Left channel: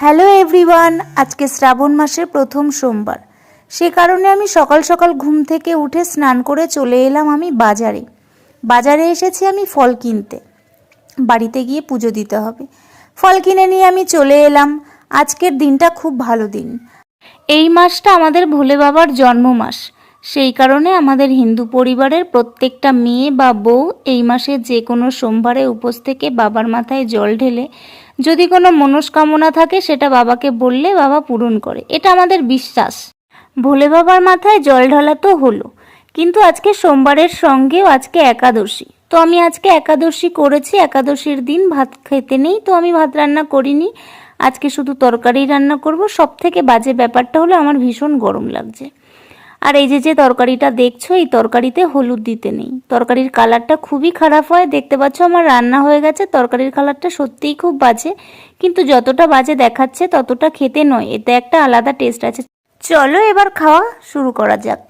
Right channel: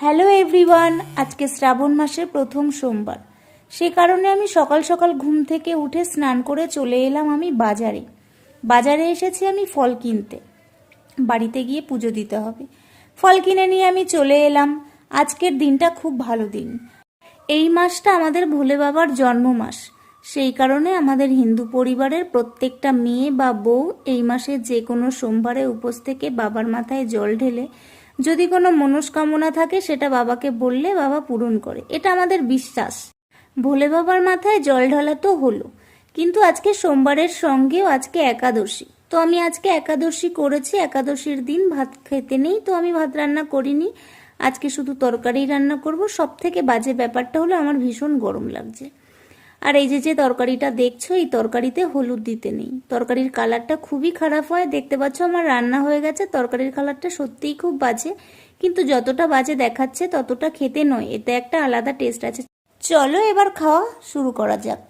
Hello everyone, আজকে শ্রাবণ মাসের প্রথম সোমবার। সে কারণে আমি সকাল সকাল ঘুম থেকে উঠে স্নান করে চলে এলাম আমি বাজারে। বাজারে এসেছি আমি ফল কিনতে। বাড়িতে গিয়ে পুজো দিতে হবে। ফল কিনে নিয়ে আমি চলে এলাম। আজকের দিনটা খুব ভালো দিন। এই মাসটা আমাদের ভোলে বাবার জন্ম মাস সেই কারণে আমাদের হিন্দু পরিবারের প্রত্যেকটা মেয়ে বা বউ এই মাসে যে কোনো সোমবারে উপোস থেকে বাবার মাথায় জল ঢেলে যদি কোনো মনস্কামনা থাকে, সেটা বাবাকে বললে বাবা পূরণ করে। এটা আমাদের বিশ্বাস। ভোলে বাবার মাথায় জল ঢালা তো হলো। কিন্তু আজকে সোমবারের সঙ্গেও আজকে একাদশী। তো আমি আজকে একাদশী করেছি, একাদশীর দিন ভাত খেতে নেই, তো আমি ভাত রান্না করিনি। আজকে শুধু তরকারি রান্না করব। সব থেকে বাজে ব্যাপারটা হলো আমার ভীষণ গরম লাগছে। আর এই যে যে তরকারিটা দেখছ, এই তরকারিতে হলুদ দিতে নেই। তরকারির কালারটা খুবই খারাপ হয়। দেখতে পাচ্ছ আমার রান্না হয়ে গেছে। তরকারির কালারটা সত্যিই খুব বাজে। কিন্তু যতটা বাজে দেখাচ্ছে, ততটা খেতে নয়। এতে একটা আলাদা টেস্ট আছে। চলো এবার খাওয়া শুরু করা যাক।